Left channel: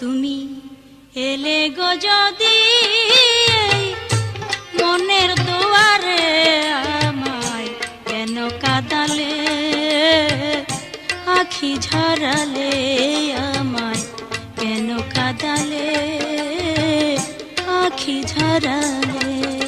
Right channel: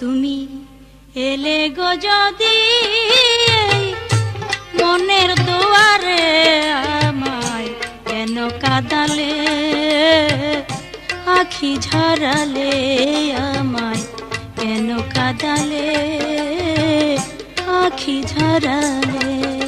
তুমি এলে গো যদি মনের দুয়ারে আমায় কেন কাদালে? আখি ঝরালে আমায় কেন কাদালে? আখি ঝরালে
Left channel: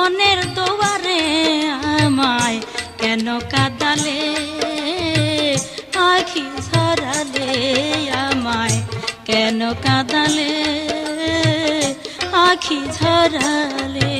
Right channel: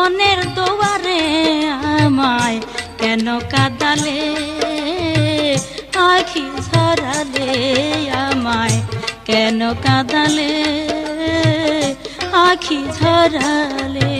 মনের দোয়ারে আমায় কেন কাদালে? আখি ধরালে আমায় কেন কাদালে? আখি ঝরালে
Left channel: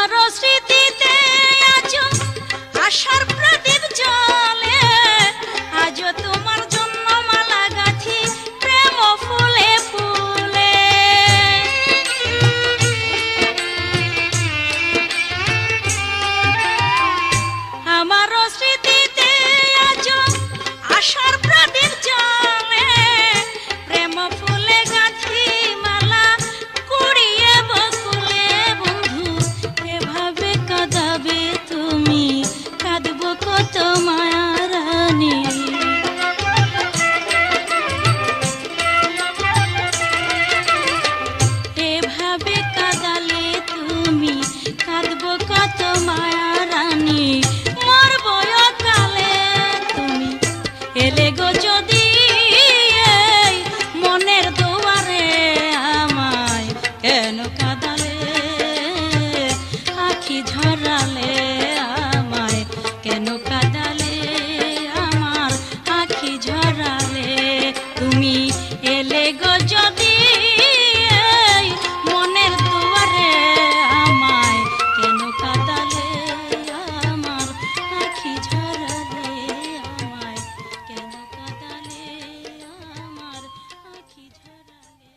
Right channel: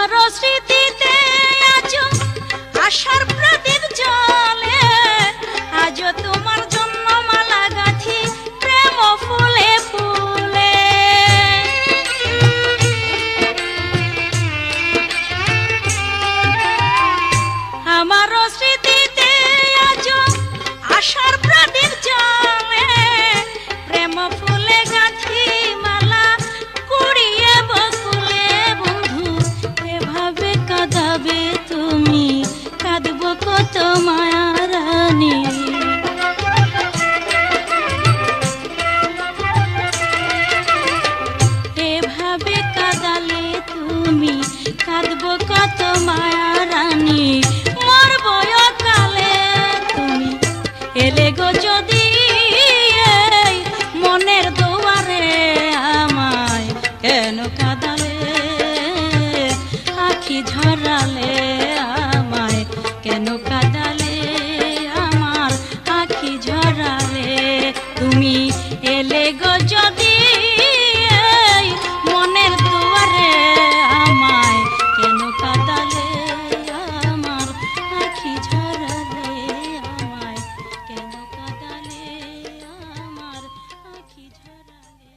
তোমার আজ তোমার কত মায়া রানী। এভাবে কাঁদালে তুমি কাঁদব কত মায়া রানী।